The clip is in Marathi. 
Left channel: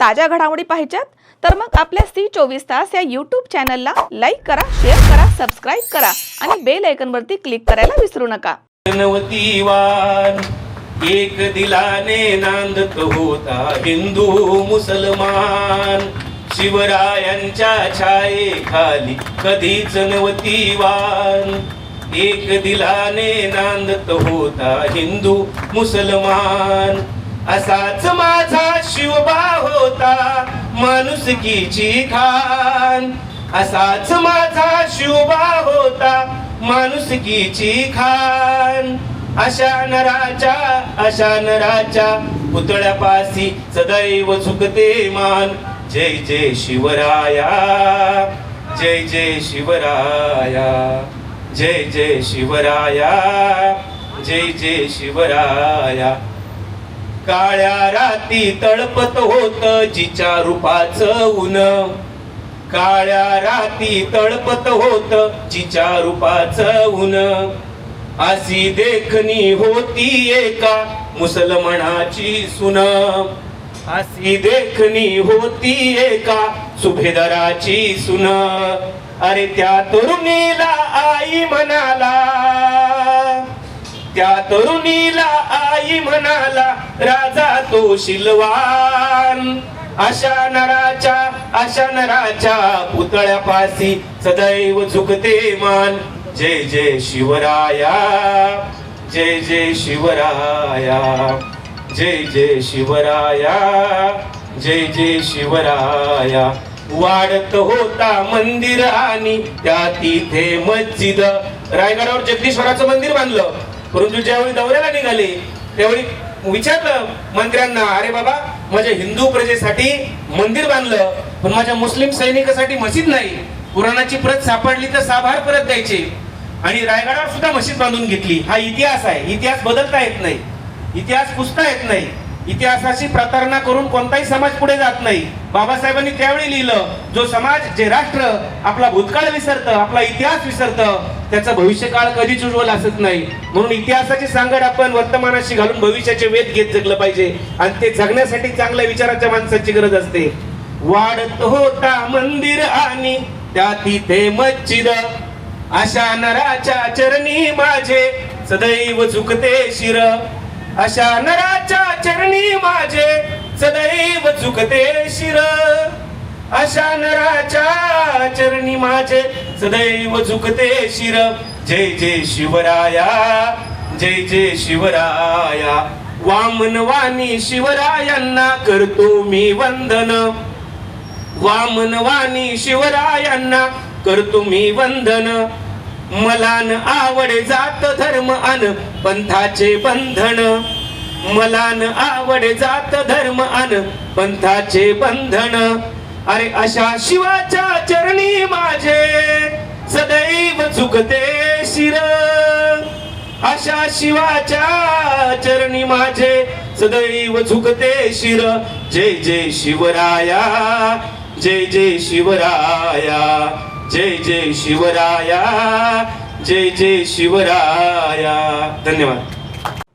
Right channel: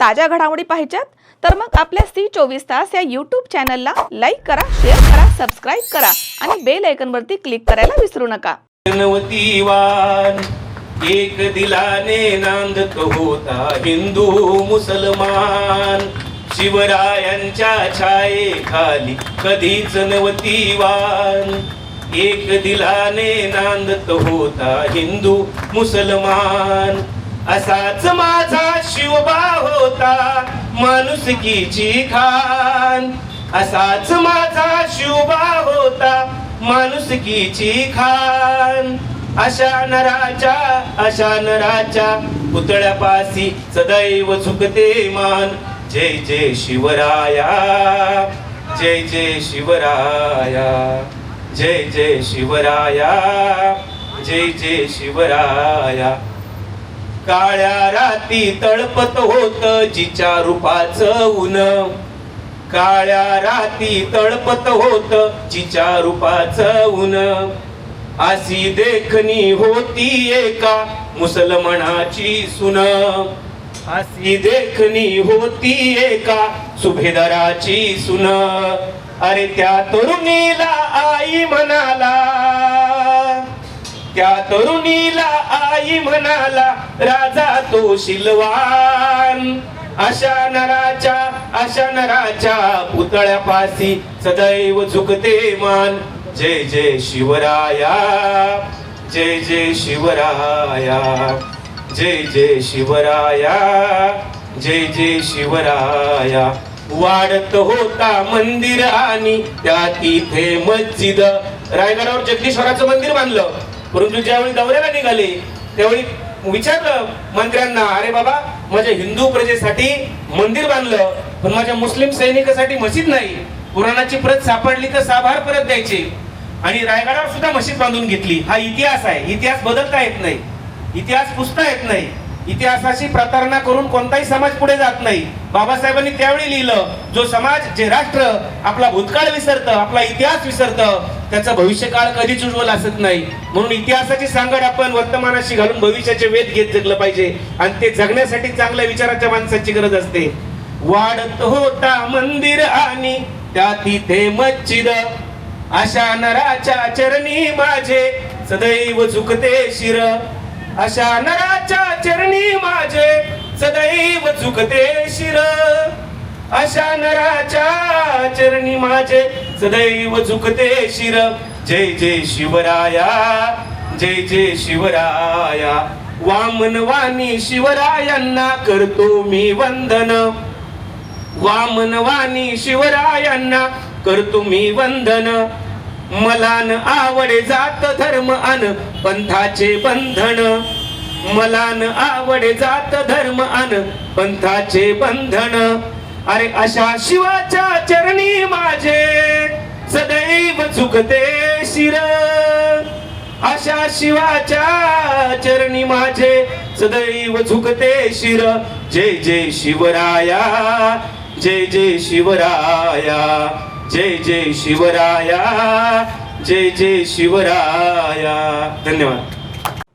ताज्या घडामोडी पाहिजेत तर मग आपल्या सी चोवीस तास या यूट्यूब चॅनलला लाईक करा शेअर करा सबस्क्राईब करा आणि बेल आयकनवरती क्लिक करायला विसरू नका. वान एक दिलाने नांदत होता हिंदू मुसलमान. शिवरायांच्या छायेखाली कधीच नवती वान. एक दिलाने नांदत होता हिंदू मुसलमान. असाच माझा शिवबा होता माणुसकीची खान. असाच माझा शिवबा होता माणुसकीची खान. अशा नराच्या अशा नराच्या पुतळ्यापासी सदैव झुकते मान. जय जय शिवराया जय जय शिवराया जय जय शिवराया जय जय शिवराया. काळ्या राती तळपत होत जिच्या रूपाच ऊन. काळ्या राती तळपत होत जिच्या रूपाच ऊन. अशी देखणी होती एका मुसलमानाची सुन. अशी देखणी होती एका सुभेदाराची सुन. अरे त्या तरुणीला आई म्हणाला त्या तरुणीला आई म्हणाला राजा तो शिलवान. अशा नराच्या अशा नराच्या पुतळ्यापासी सदैव झुकते मान. जय जय शिवराया जय जय शिवराया जय जय शिवराया जय जय शिवराया. वाढत होता मंदिर आणि त्या तिथे मस्जिद. रायगडावर जगदीश्वराचं मंदिर बांधलं. परंतु ज्यावेळी दौऱ्याला निघाले त्यावेळी विचारलं मंत्र्यांना अरे बाबा माझ्या हिंदू प्रजेसाठी मंदिर बांधलं पण माझ्या मुस्लिम सैनिकासाठी मशीद नाही. कुराणाची प्रत सापडली तर साभार परत द्यायची. आणि रायगडावर सुद्धा मशीद बांधून घेतली. हा इतिहास आहे. इतिहास बदलता येत नाही. इतिहास पुसता येत नाही. इतिहासाशी प्रतारणा करून कोणताही समाज पुढे जात नाही. बाबासाहेबांनी त्यावेळी लिहिलं जो समाज जे राष्ट्र आपला भूतकाळ विसरतं आपला इतिहास विसरतं त्याचा भविष्यकाळ कधीच उज्ज्वल असत नाही. म्हणून इतिहासाची सांगड आपण वर्तमानाशी घालून भविष्याचे वेध घेत जगलं पाहिजे. आणि ते जगण्यासाठी चांगल्या विचाराच्या माणसाची गरज असते. वाढत होता मंदिर आणि त्या तिथे मच्छिद अशा नराच्या चरणी माझे सदैव झुकते शिर. अशा नराच्या चरणी माझे सदैव चुकते शिर. अशा नराच्या चरणी माझे सदैव झुकते शिर. जय जय शिवराया जय जय शिवराया. वामनवाणी शिवरायांना करतो मी वंदन. वामनवाणी शिवरायांना करतो मी वंदन. मला न आवड जात धर्म अन पंथाचे बंधन. मला न आवड जात धर्म अन पंथाचे बंधन. अरे अशा शिवाच्या चरणी माझे सदैव चुकते शिर. अशा शिवाच्या चरणी माझे सदैव झुकते शिर. जय जय शिवराया जय जय शिवराया जय जय शिवराया जय जय शिवराया. धन्यवाद.